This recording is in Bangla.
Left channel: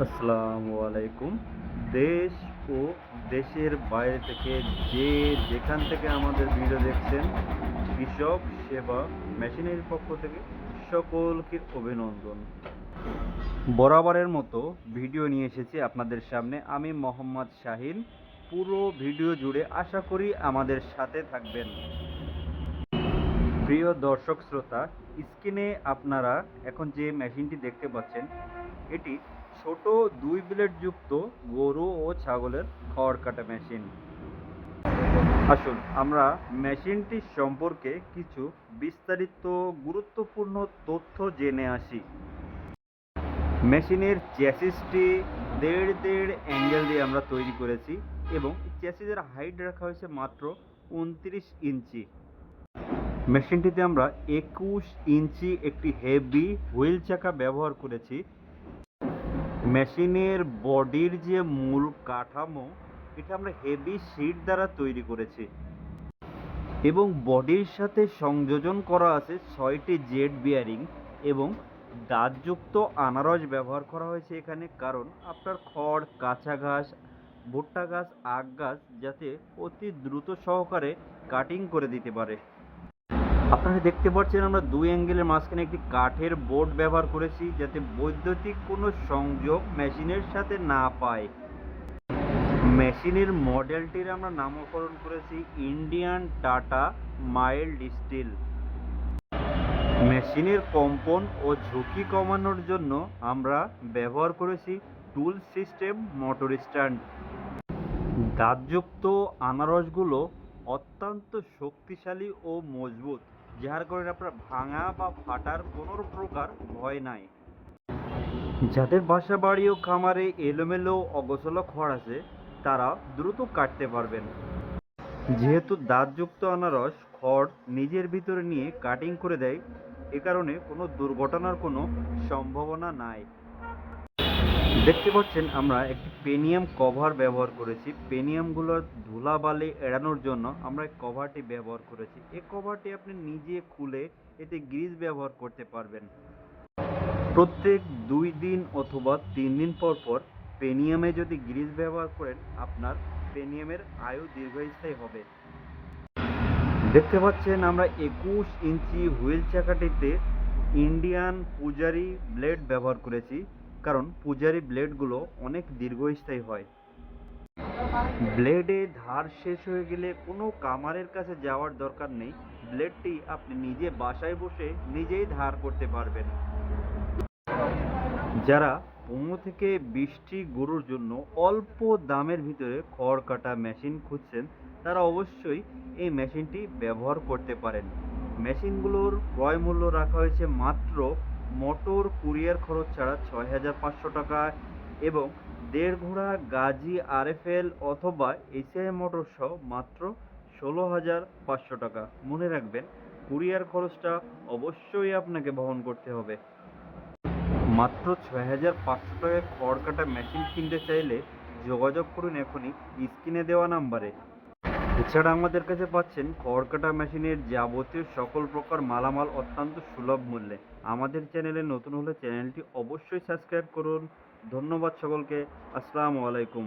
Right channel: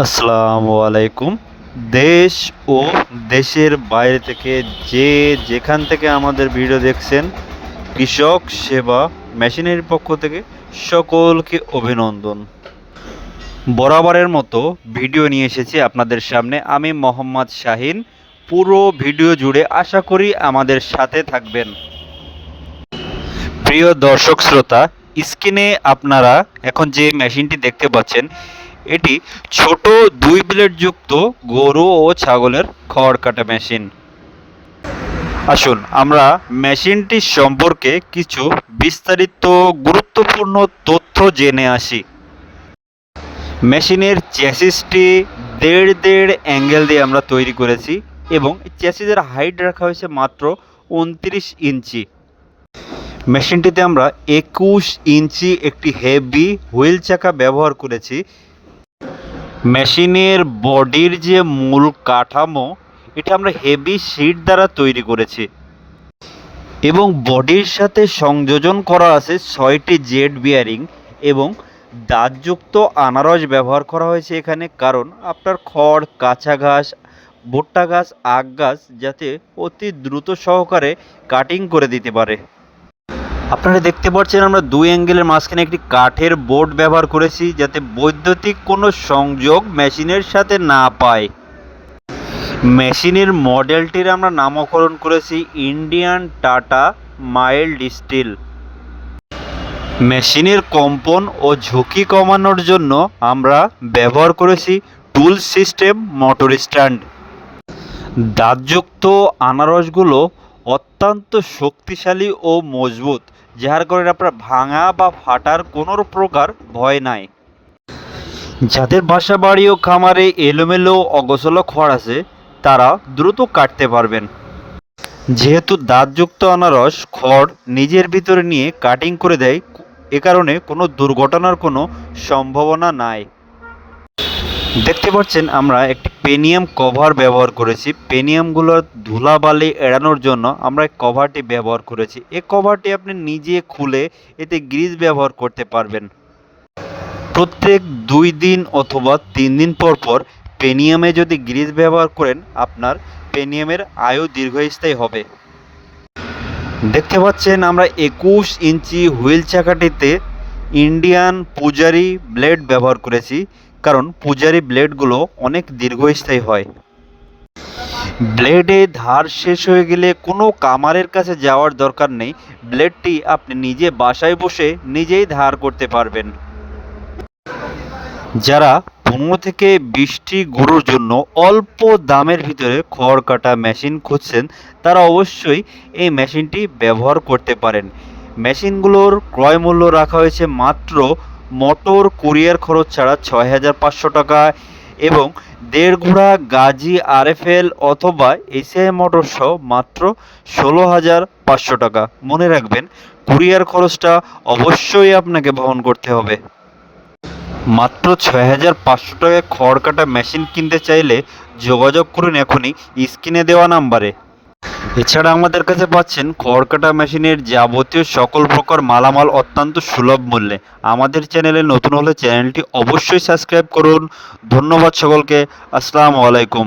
আসসালামু আলাইকুম। দেশ ও দেশের বাইরে থেকে যে যেখান থেকে আমাদের ভিডিও দেখছেন, কৃষক সেবা মেশিনের পক্ষ থেকে সকলকে অভিনন্দন। বরাবরের মতো ভিডিও নিয়ে এসেছি আপনাদের সামনে। আমি মোহাম্মদ শাহিন। পুরো ভিডিও জুড়ে আশা করি আমাদের সাথে থাকবেন। প্রিয় দর্শক শ্রোতা, স্ক্রিনে আপনারা এখন যে মেশিনটি দেখতে পাচ্ছেন এটি ছোট দুই ব্লেড যুক্ত গরু ও ছাগলের খড় কাটা মেশিন। আসুন, আমরা মেশিনটি সম্পর্কে কিছু বিস্তারিত গুরুত্বপূর্ণ তথ্য জেনে আসি। মেশিনের চ্যাসিসটি দেড় দেড় অ্যাঙ্গেল দিয়ে আমরা তৈরি করেছি এবং চ্যাসিসের হাইট রাখা হয়েছে মাত্র উনত্রিশ ইঞ্চি। মেশিনটিতে আমরা একুশ ইঞ্চি একটি হেভি হুইল চাকা ব্যবহার করেছি মেশিনের বডির যে মূল কাঠামো, এটা আমরা হেভি শিট দ্বারা তৈরি করেছি। এবং বডির সাথে সংযোজন করা আছে ছয়টি জেড বিয়ারিং এবং দাঁতযুক্ত আনারস ব্যবহার করা হয়েছে এখানে, কারণ আপনার খড়, কাঁচা ঘাস, ভুট্টা ঘাস, আখ গাছ যাতে অতি দ্রুত সহকারে কাটিং করে দিতে পারে। আপনারা দেখতে পাচ্ছেন আমরা দুই অ্যাঙ্গেলের মাঝখানে একটি কাঠের বোর্ড ব্যবহার করেছি যাতে বৈদ্যুতিক কোনো সংযোগ মেশিনের সাথে না পায়। মেশিনের মডেলটির আমরা নামকরণ করেছি ইন্ডিয়ান টাটা মাইল্ড স্টিল। মেশিনের কম্পন ও ঝুঁকি কমানোর জন্য আমরা ব্যবহার করেছি টুল সিস্টেম মোটর স্ট্যান্ড। দাঁতযুক্ত আনারসগুলো অত্যন্ত শক্তিশালী ও মজবুত। যার কারণে আপনার ভাঙা বা ফাটার কোনো প্রকার ভয় নাই। যাদের বাসা বাড়ি ও খামারে এলোমেলো অগোছলো খড় আছে, তারা দ্রুত কাটতে পারবেন। যেহেতু দাঁতযুক্ত আনারস খড় নিজের ভিতরে নিয়ে কাটিং করে দেয়, এ কারণে কোনো দুর্ঘটনার কোনো সম্ভাবনা নাই। দেখতে পাচ্ছেন আমরা একটি পেনিয়াম কভার ব্যবহার করেছি। পেনিয়ামগুলোর ধুলাবালি এড়ানোর জন্য আমরা এই কভারটি ব্যবহার করেছি। এই কভারটি আপনি নিজে খুলে এতে গ্রিজ ব্যবহার করতে পারবেন। প্রত্যেক দুই দিন অথবা তিন দিন পর পর পেনিয়ামে যদি গ্রিজ ব্যবহার করেন, আপনার পেনিয়ামের আয়ু দীর্ঘস্থায়ী হবে। দেখতে পাচ্ছেন আমরা একুশ ইঞ্চি হুইল চাকাটিতে ইন্ডিয়ান পূজারি ব্লেড ব্যবহার করেছি। কারণ পূজারি ব্লেডগুলো অনেক দীর্ঘস্থায়ী হয়। ব্লেডে ধার শেষ হয়ে গেলে কোনো কামারের কাছে যাওয়ার দরকার নেই। ব্লেডটি আপনি নিজে বাসায় বসে নিজেই ধার করতে পারবেন। যারা পনেরো থেকে বিশটি গরুর জন্য অল্প দামের ভিতরে খড় কাটা মেশিন খুঁজছেন, তারা অবশ্যই এই মেশিনটি ব্যবহার করতে পারেন। মেশিনগুলোর ক্রয় মূল্য রাখা হয়েছে মাত্র মোটর কুরিয়ার খরচ ছাড়া ছয় হাজার পাঁচশো টাকা এবং দেড় ঘোড়া গাজি আরএফএল অথবা এসিআই মোটর সহ মাত্র ষোলো হাজার পাঁচশো টাকা। মনে রাখবেন, কুরিয়ার খরচটা অবশ্যই আপনাকে বহন করতে হবে। মাত্র ছয় হাজার পাঁচশো টাকায় খড় কাটা মেশিন কিনতে চাইলে যোগাযোগ করুন এখনই স্ক্রিনে দেওয়া নাম্বারে। এছাড়া আমাদের কাছে পাচ্ছেন খড় কাটা মেশিনের যাবতীয় সকল প্রকার মালামাল অত্যন্ত সুলভ মূল্যে। আমাদের চ্যানেলে নতুন হলে চ্যানেলটি অবশ্যই সাবস্ক্রাইব করুন। ধন্যবাদ সকলকে। আসসালামু আলাইকুম।